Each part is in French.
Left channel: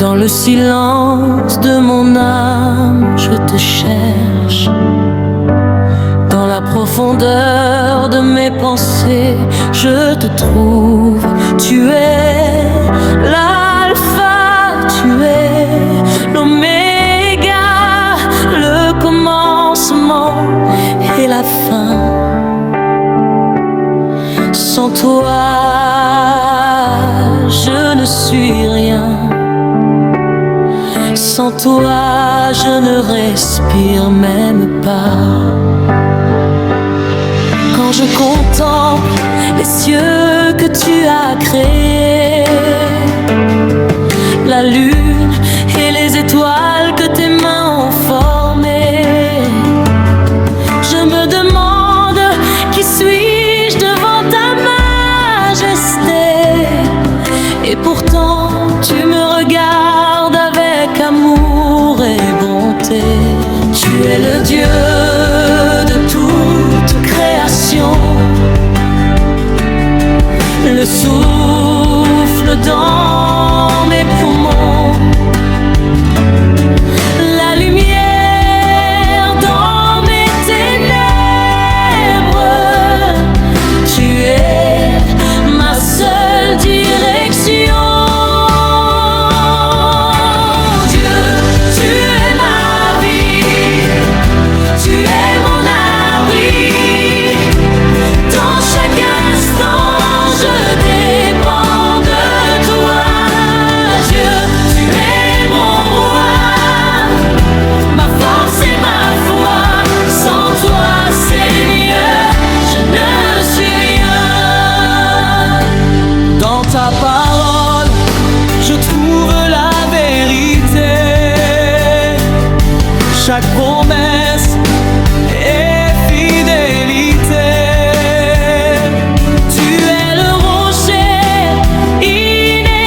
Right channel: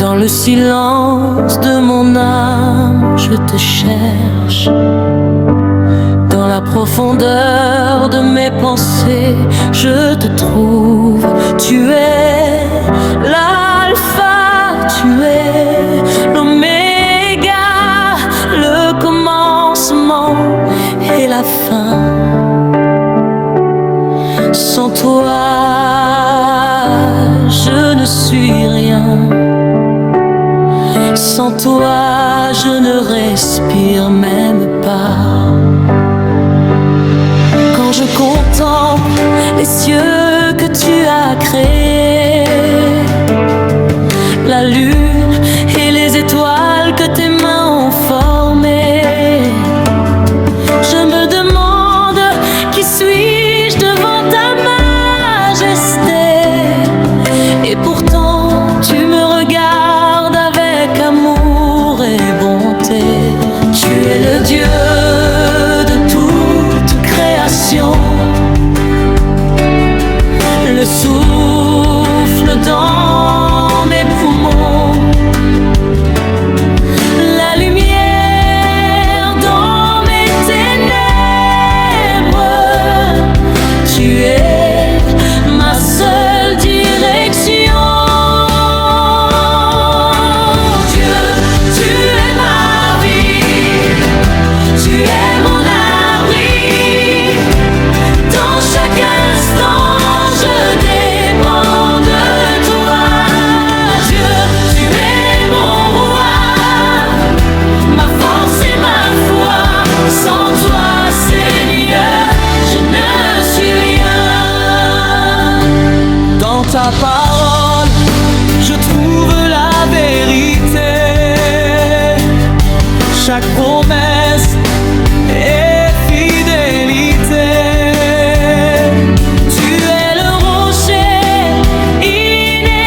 Dans le silence de mon âme, je te cherche. Dans la profondeur de mes pensées, je te trouve. Tu es l'alpha, tu es l'oméga, le commencement et la fin. Sans toi, je ne suis rien. Sans toi, je ne respire même pas. Quand je contemple les cieux que tu as créés, la lune et les étoiles que tes mains ont formées, je me demande qui suis-je devant ta majesté. Et pourtant tu me regardes avec amour et bonté. Tu es le Dieu de toute création, le souffle dans mes poumons, la lumière dans mes ténèbres. Tu es ma seule direction. Dans ta parole, je trouve la vérité. Chaque promesse est fidélité. Tu es le rocher inébranlable.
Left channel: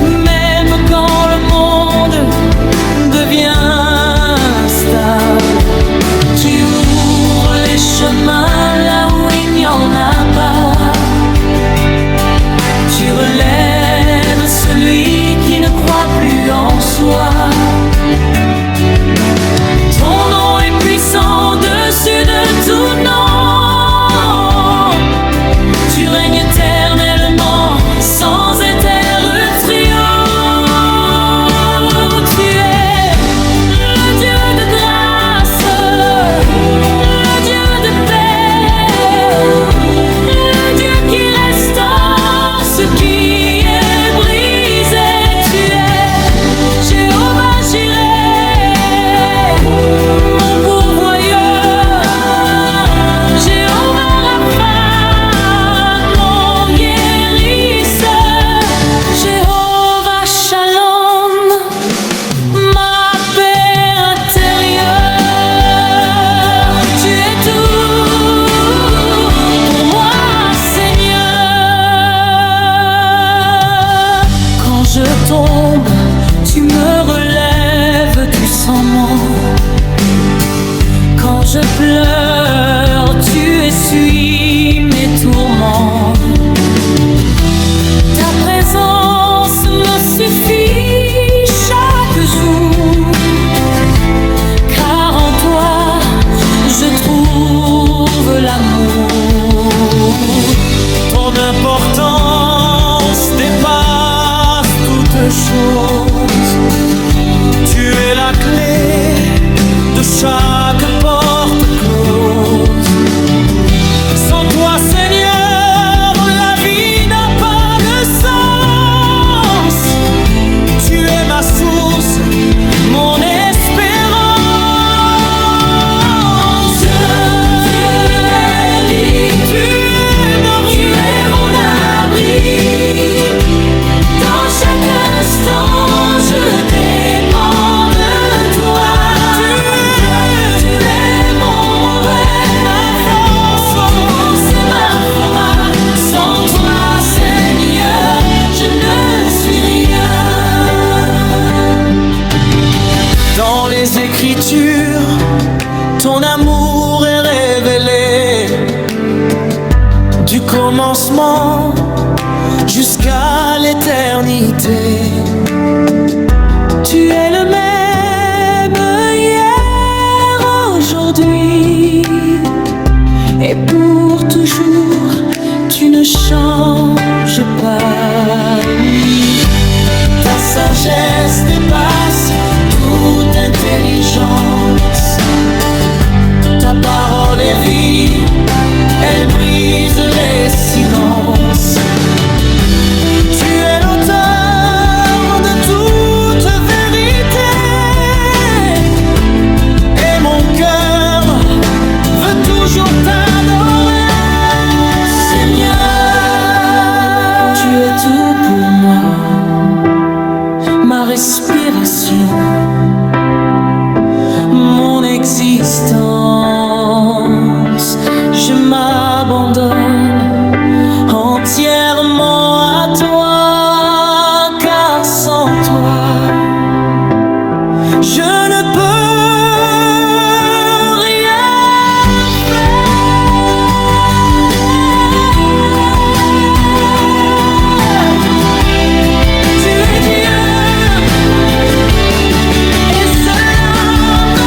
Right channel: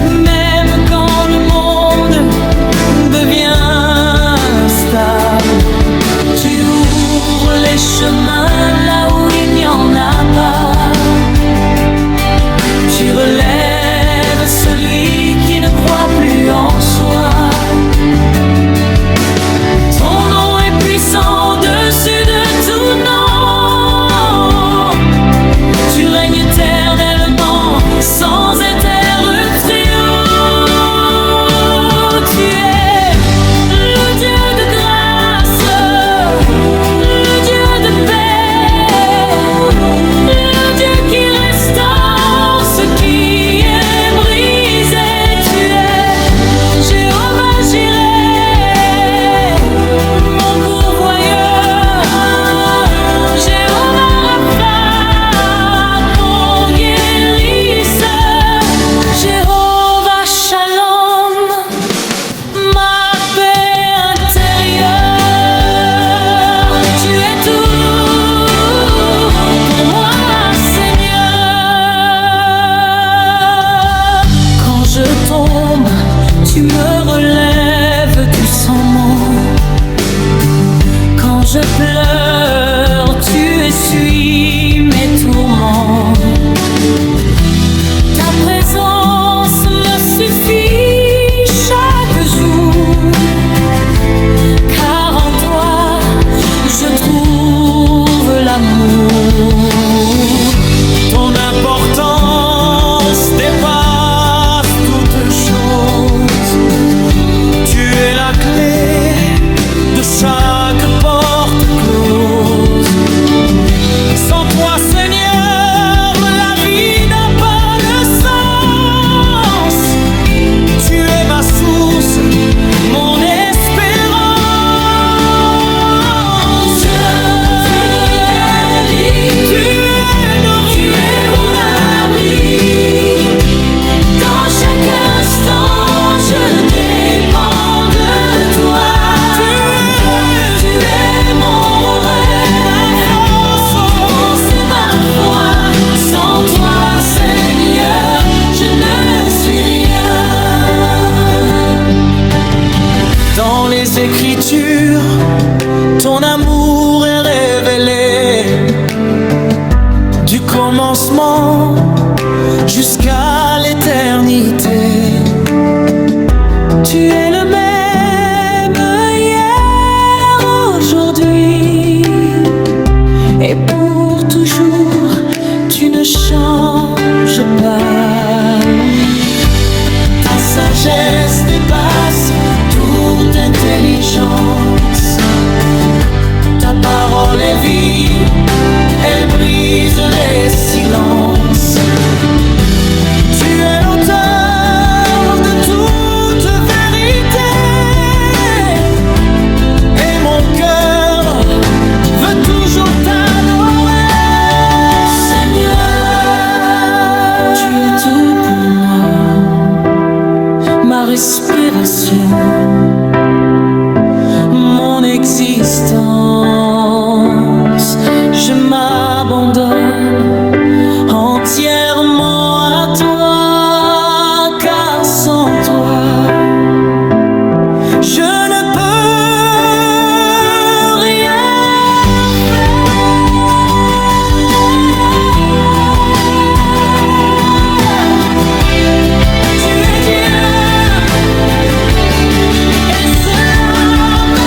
Même quand le monde devient instable, tu ouvres les chemins là où il n'y en a pas. Tu relèves celui qui ne croit plus en soi. Ton nom est puissant au-dessus de tout nom. Tu règnes éternellement sans interruption. Tu es le Dieu de grâce, le Dieu de paix, le Dieu qui restaure ce qui est brisé. Tu es Jéhovah Jireh, mon pourvoyeur, Jéhovah Rapha, mon guérisseur, Jéhovah Shalom, ma paix intérieure. Tu es tout pour moi, Seigneur. Quand je tombe, tu me relèves doucement. Quand je pleure, tu essuies mes tourments. Ta présence me suffit chaque jour, car en toi je trouve l'amour. Ton importance dépasse toute chose. Tu es la clé de chaque porte close. Sans toi, Seigneur, la vie n'a pas de sens. Tu es ma source, mon espérance. Tu es mon abri. Dans chaque instant, je dépends de toi. Tu es mon rêve, ma force et ma foi. Sans toi, Seigneur, je ne suis rien. Dans les Écritures, ton amour est révélé. Du commencement jusqu'à l'éternité. Tu es le même hier, aujourd'hui et pour toujours. Tu ne changes pas, oui. Ta sagesse dépasse toute intelligence. Ta parole est vie, elle brise les silences. Tu es l'auteur de toute vérité, et mon cœur veut toujours t'adorer. Seigneur, tu es tout pour moi, ma respiration, mon existence. Je m'abandonne entièrement à toi, car sans toi, je ne peux rien faire. Tu es Dieu, et cela me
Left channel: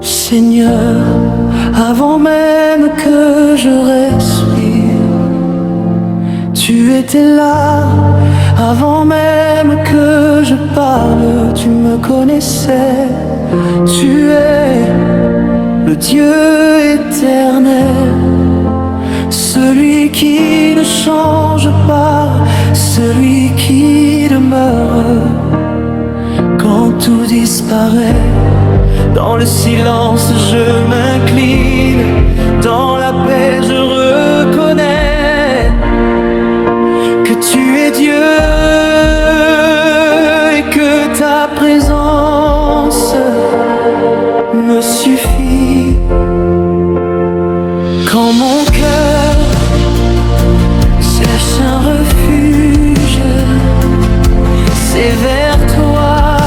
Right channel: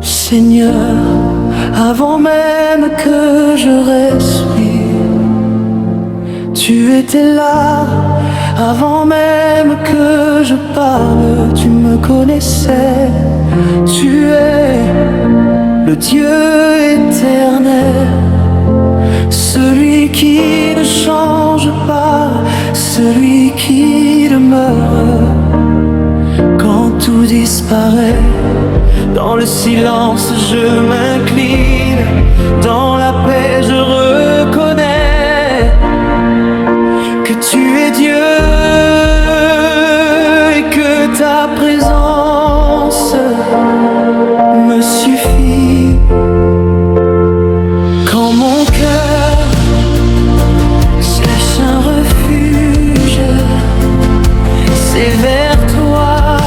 Seigneur, avant même que je respire, tu étais là. Avant même que je parle, tu me connaissais. Tu es le Dieu éternel, celui qui ne change pas, celui qui demeure quand tout disparaît. Dans le silence je m'incline, dans la paix je reconnais que tu es Dieu et que ta présence me suffit. Quand mon cœur cherche un refuge, c'est vers toi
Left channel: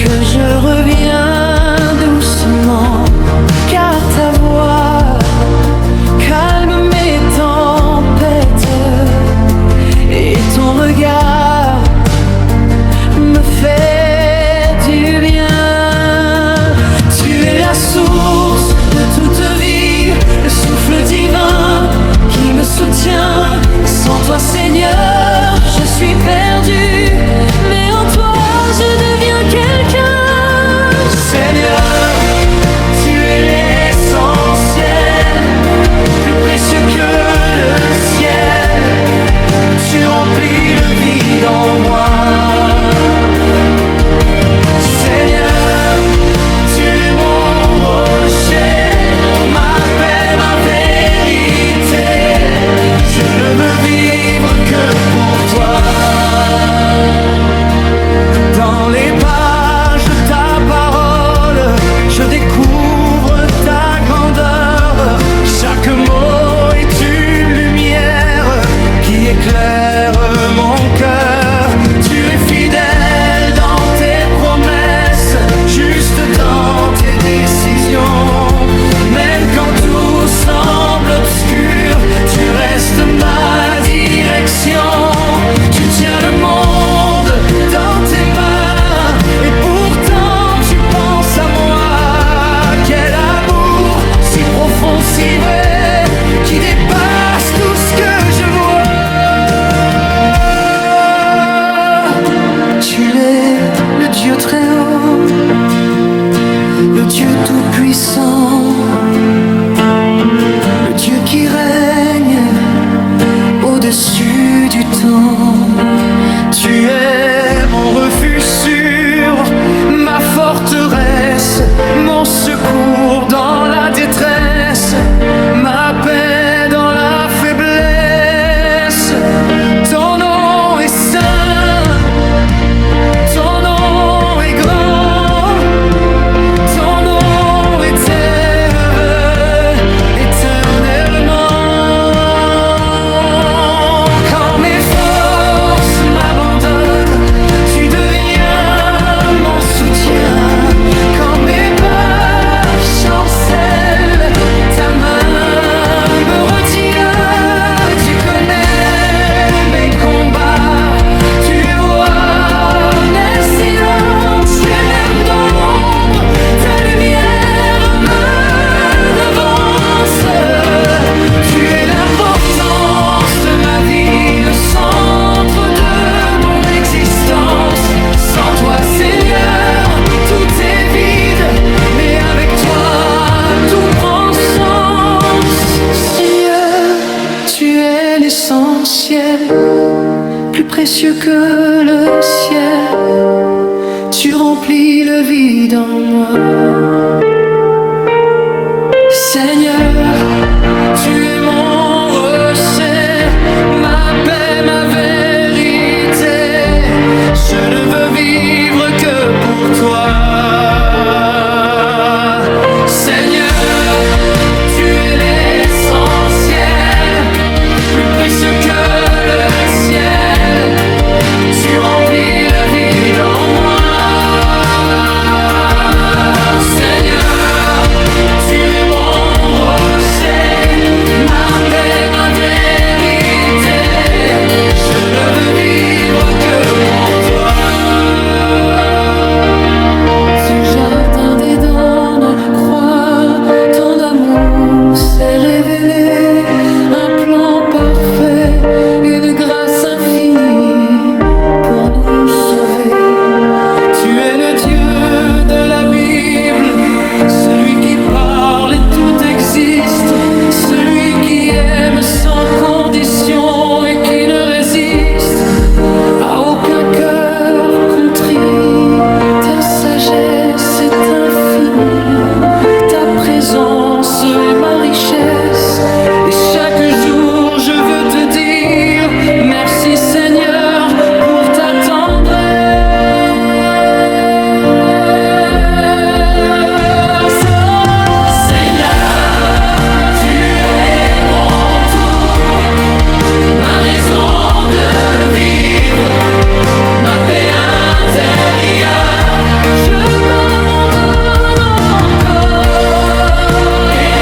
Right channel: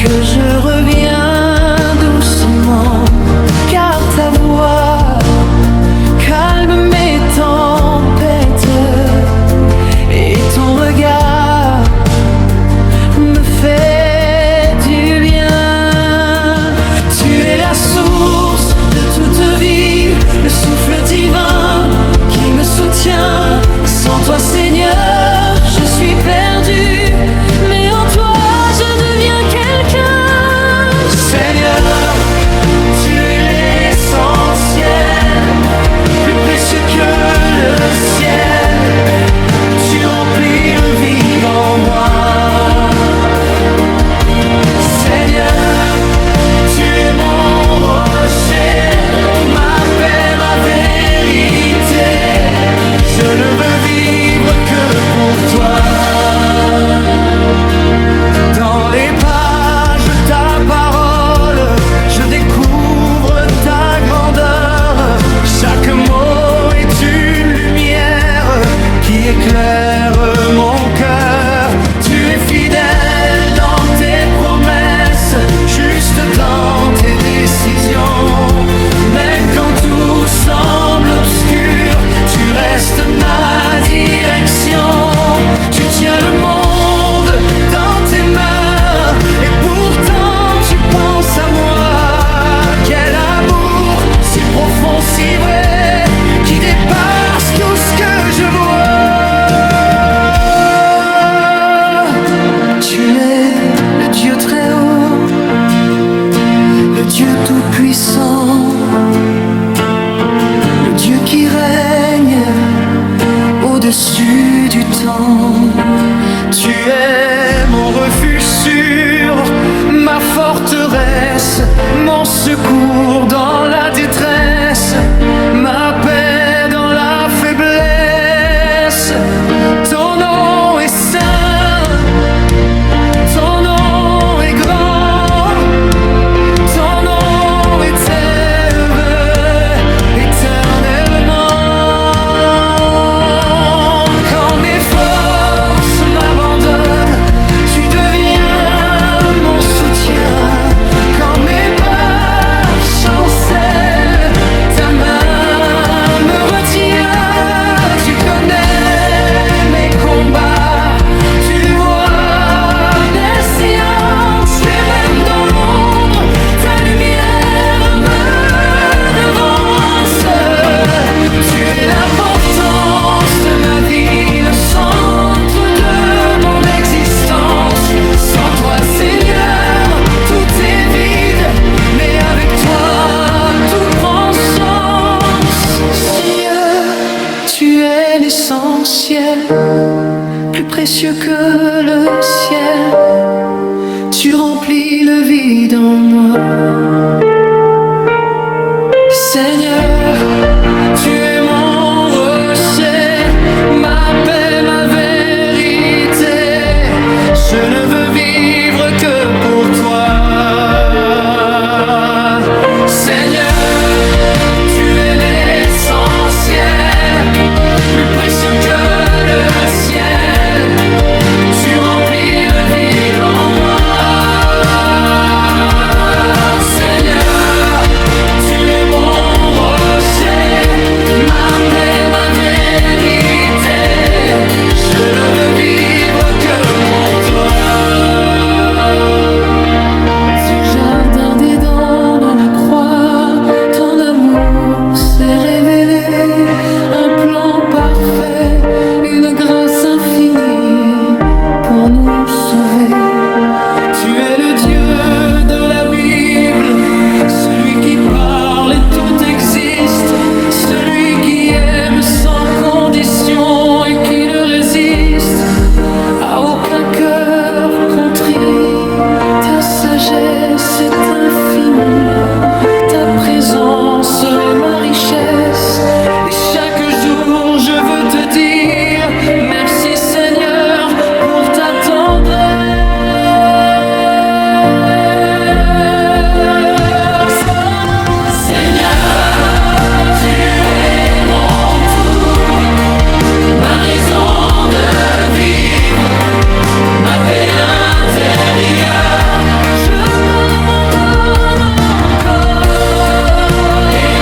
que je reviens doucement, car ta voix calme mes tempêtes et ton regard me fait du bien. Tu es la source de toute vie, le souffle divin qui me soutient. Sans toi, Seigneur, je suis perdu, mais en toi je deviens quelqu'un. Seigneur, tu es l'essentiel, plus précieux que le ciel. Tu remplis le vide en moi. Seigneur, tu es mon rocher, ma paix, ma vérité. Je ne veux vivre que pour toi. Dans les pages de ta parole, je découvre ta grandeur. Chaque mot est une lumière qui éclaire mon cœur. Tu es fidèle dans tes promesses, juste dans tes décisions. Même quand tout semble obscur, tu restes ma direction. Tu tiens le monde dans tes mains, et pourtant tu penses à moi. Quel amour si profond, si vrai, qui dépasse tout ce que je vois. Tu es le Dieu très haut, le Dieu tout-puissant, le Dieu qui règne au-dessus du temps. Tu es mon refuge sûr, ma forteresse, mon secours dans la détresse, ma paix dans la faiblesse. Ton nom est saint, ton nom est grand, ton nom est élevé éternellement. Quand mes forces m'abandonnent, tu deviens mon soutien. Quand mes pas chancellent, ta main me retient. Tu connais mes combats, tu vois mes silences, et même dans l'ombre, ta lumière me devance. Tu es l'importance de ma vie, le centre de mon existence. Sans toi, Seigneur, tout est vide, mais avec toi, tout prend sens. Seigneur, tu es l'essentiel, plus précieux que le ciel. Tu remplis le vide en moi. Seigneur, tu es mon rocher, ma paix, ma vérité. Je ne veux vivre que pour toi. Seigneur, tu es l'essentiel, plus précieux que le ciel. Tu remplis le vide en moi. Seigneur, tu es mon rocher, ma paix, ma vérité. Je ne veux vivre que pour toi. Du jardin d'Éden à la croix, ton amour s'est révélé, un plan parfait, une grâce infinie pour nous sauver. Tu es le Dieu de la Bible, celui qui parle et tout existe, celui qui aime sans condition et qui ne résiste à aucun cœur contrit. Ta sagesse est infinie, ta présence est ma richesse. Et chaque jour je veux te dire merci Seigneur pour ta tendresse. Seigneur, tu es mon tout, ma raison de vivre, ma paix intérieure. Je m'abandonne encore et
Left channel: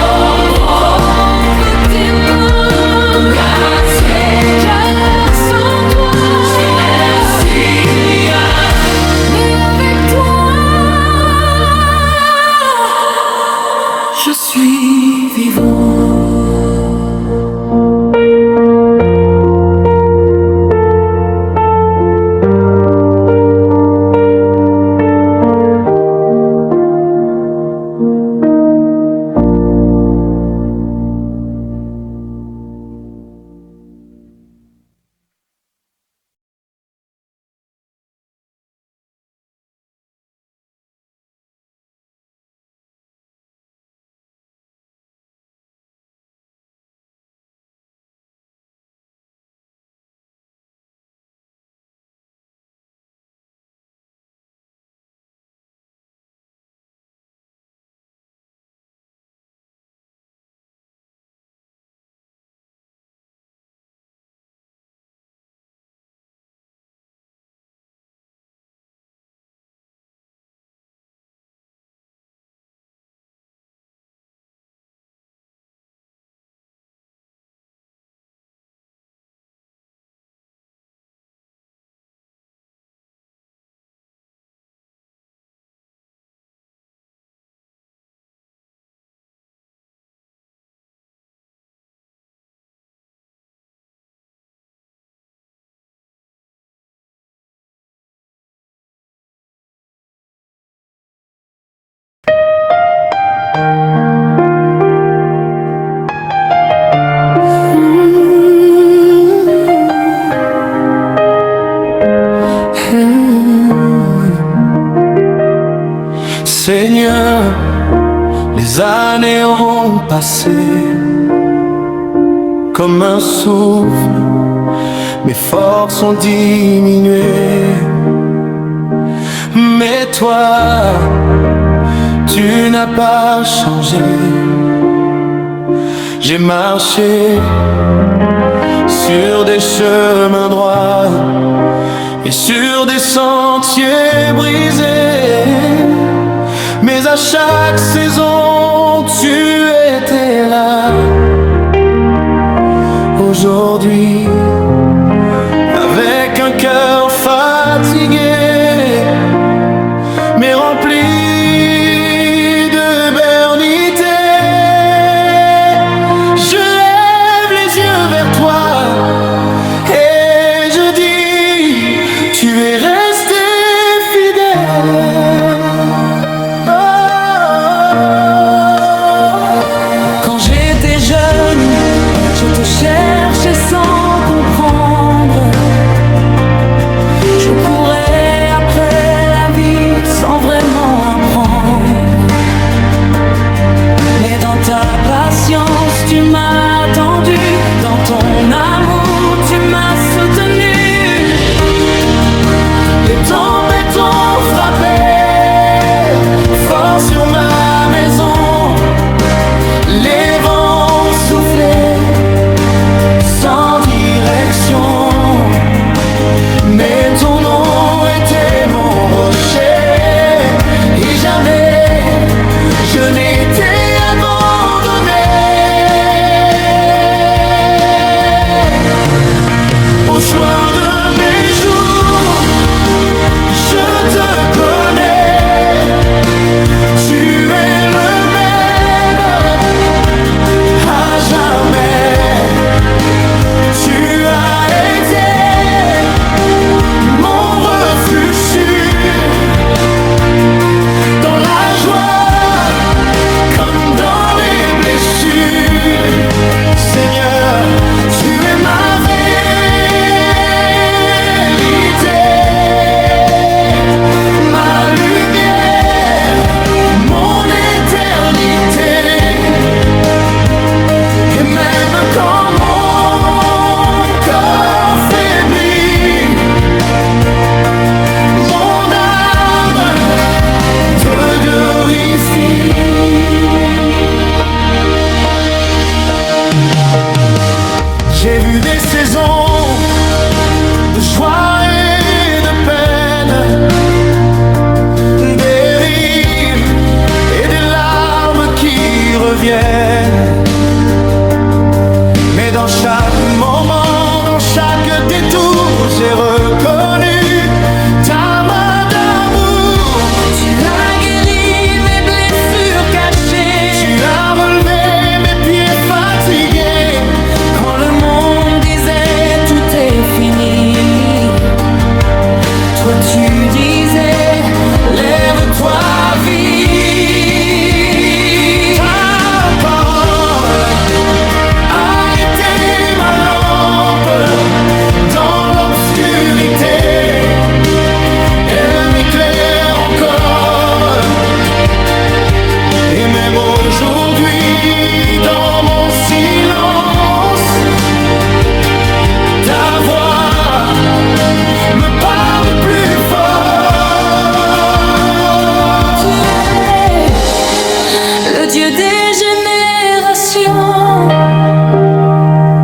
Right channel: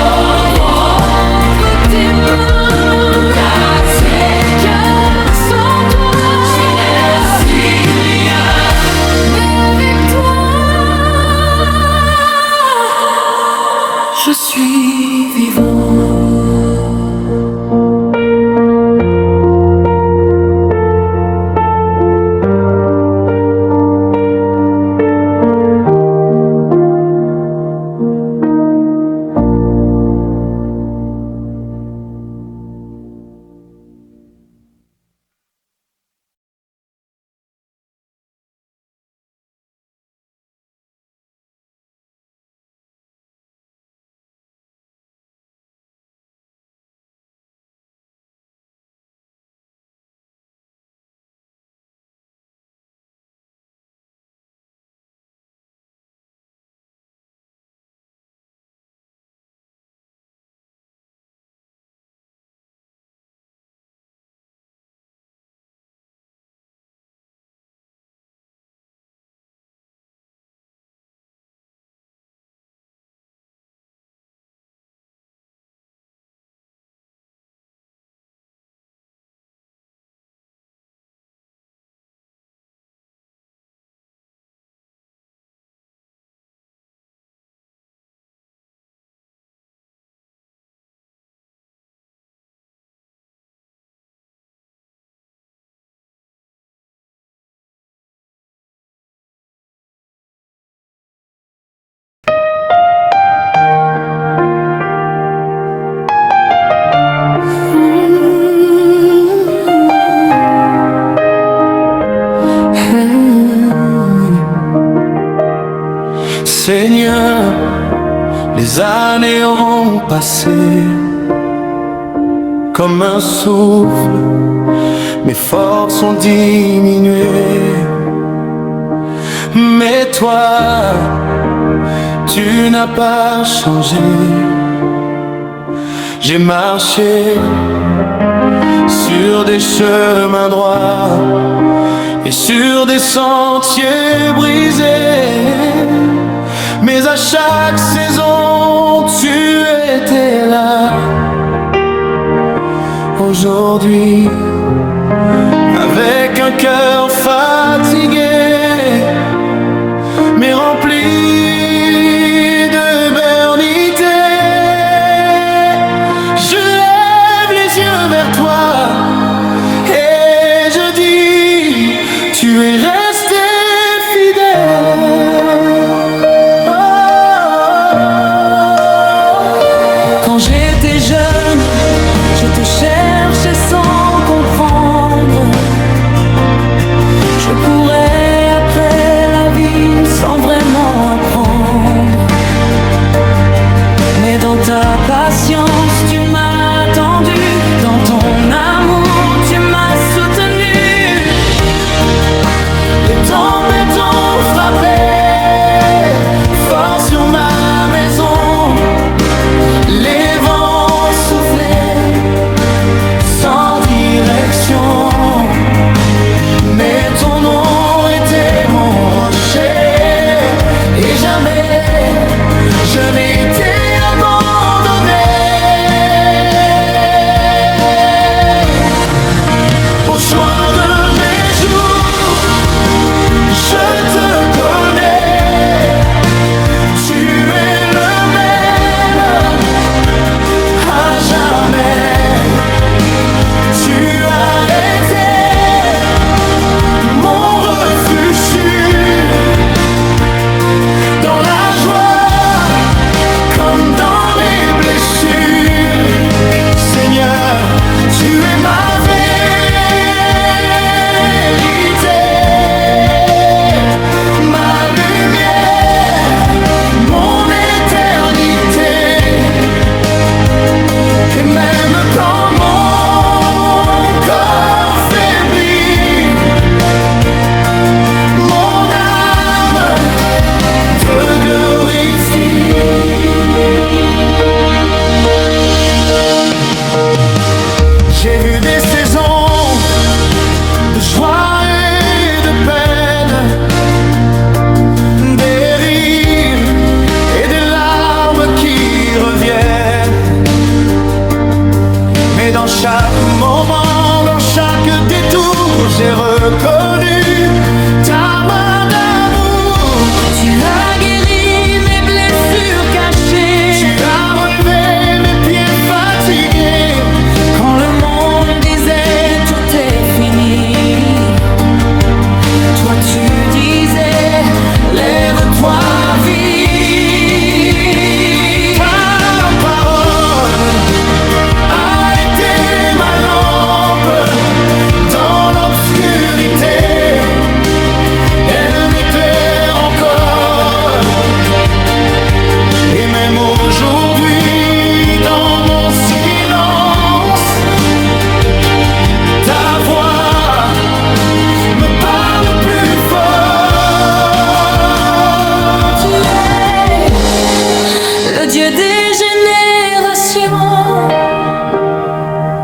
entre tes mains, car sans toi je ne suis rien, mais avec toi je suis vivant. Seigneur, les années ont passé comme un souffle, mes forces ont diminué. Mais toi, tu n'as pas changé. J'ai marché sur des chemins droits et sur des sentiers brisés, mais à chaque saison tu étais là. Aujourd'hui, avec un cœur fatigué mais rempli de bernité, je lève les yeux vers toi et je dis, tu es resté fidèle. Oh, Quand j'étais jeune, je te cherchais sans comprendre. Je courais après la vie sans vraiment apprendre. Mais dans ta patience, tu m'as attendu. Dans ton amour, tu m'as soutenu. les tempêtes ont frappé fort sur ma maison. Les vents soufflaient sans direction, mais ton nom était mon rocher, et jamais je n'ai été abandonné. Au soir de mes jours, je te connais, tu es le même à jamais. Tu as été mon refuge sûr, dans la joie comme dans les blessures. Seigneur, tu es ma vérité, ma lumière, mon éternité. Et même quand mon corps faiblit, mon âme te glorifie. J'ai vu des saisons de joie et de peine, des rires et des larmes qui reviennent. Mais dans chaque moment, dans chaque détour, j'ai reconnu ta main d'amour. Tu as guéri mes blessures cachées. Tu as relevé mes pieds fatigués. Quand le monde disait tout est fini, toi tu disais lève-toi, vis. Ta parole a été ma lampe dans l'obscurité. Elle m'éclaire encore. Et même aujourd'hui, dans mon silence, ta voix me parle plus fort. Tu es le Dieu des générations,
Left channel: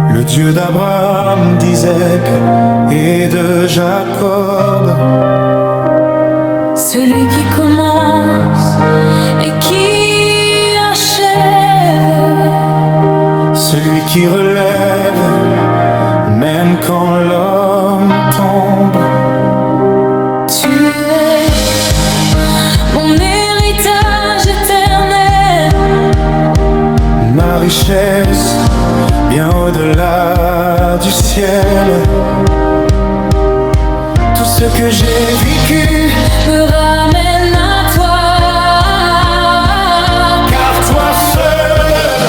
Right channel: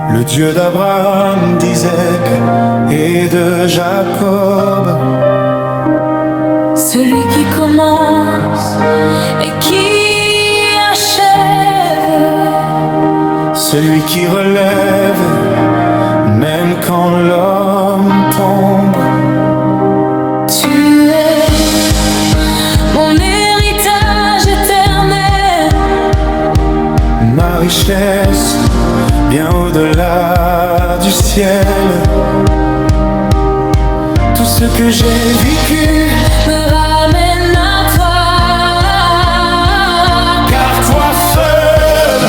Le Dieu d'Abraham, d'Isaac et de Jacob. celui qui commence et qui achève, Celui qui relève même quand l'homme tombe. tu es mon héritage éternel, Ma richesse, bien au-delà du ciel. Tout ce que j'ai vécu, me ramène à toi. car toi seul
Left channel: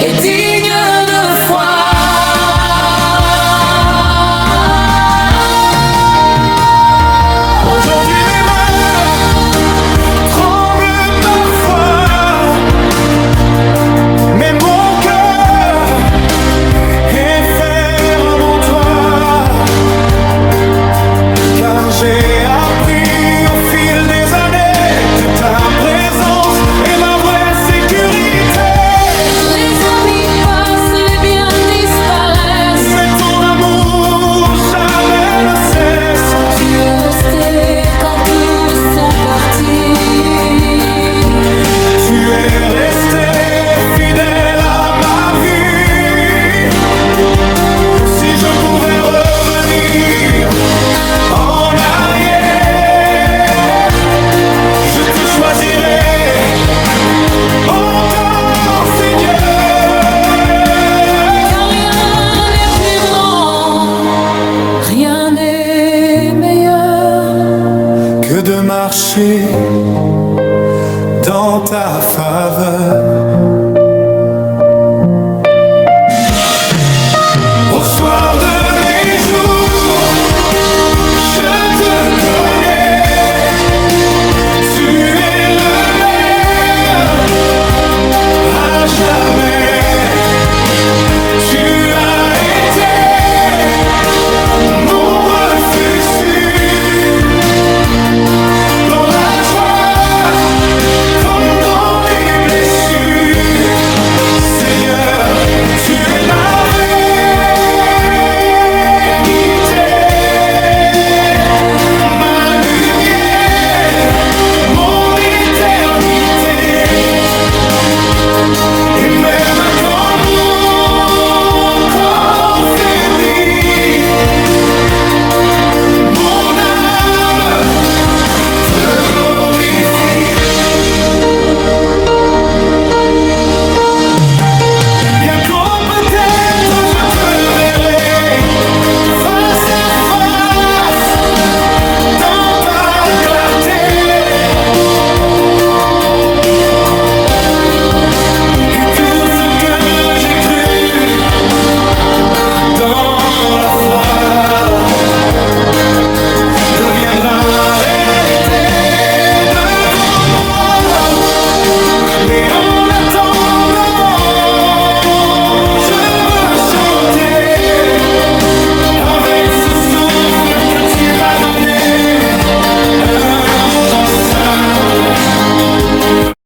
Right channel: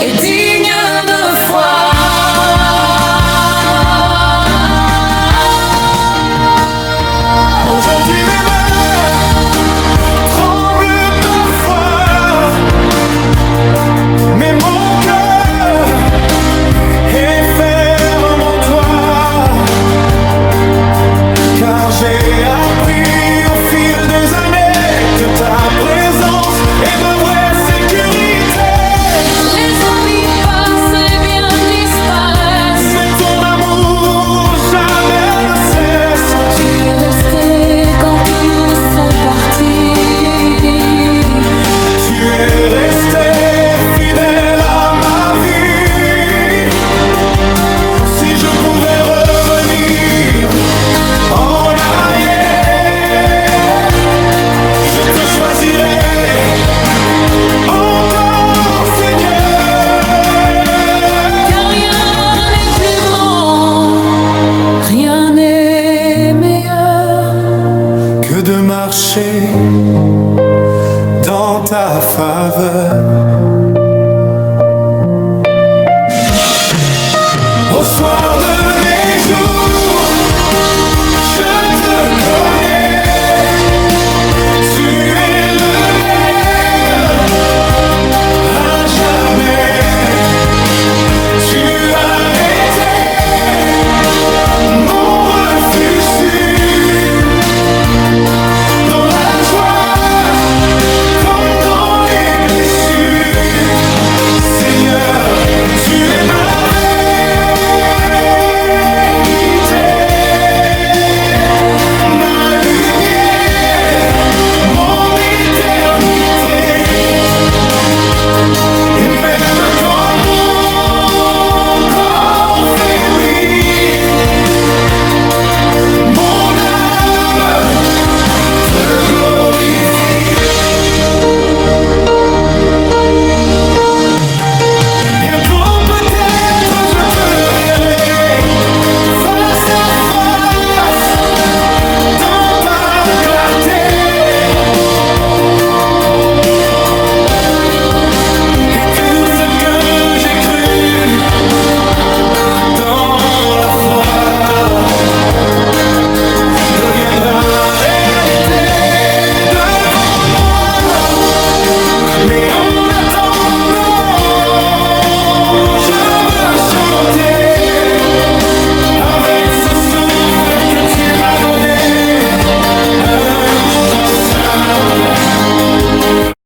Et digne de foi. aujourd'hui mes mains tremblent mais mon cœur est ferme en toi. Car j'ai appris au fil des années que ta présence est ma vraie sécurité. Les amis passent, les biens disparaissent, Mais ton amour jamais ne cesse. tu es resté quand tous sont partis. Tu es resté fidèle à ma vie. Si je pouvais revenir en arrière, je te choisirais encore, Seigneur. Car rien n'est plus grand, rien n'est meilleur Que de marcher dans ta faveur. Au soir de mes jours, je te connais. Tu es le même à jamais. Tu as été mon refuge sûr. Dans la joie comme dans les blessures, Seigneur, tu es ma vérité, ma lumière, mon éternité. Et même quand mon corps faiblit, mon âme te glorifie. Bientôt peut-être je te verrai face à face dans ta clarté. Et tout ce que j'ai cru dans la foi deviendra réalité devant moi. Mais en attendant, je veux chanter avec ce souffle que tu m'as donné, un chant simple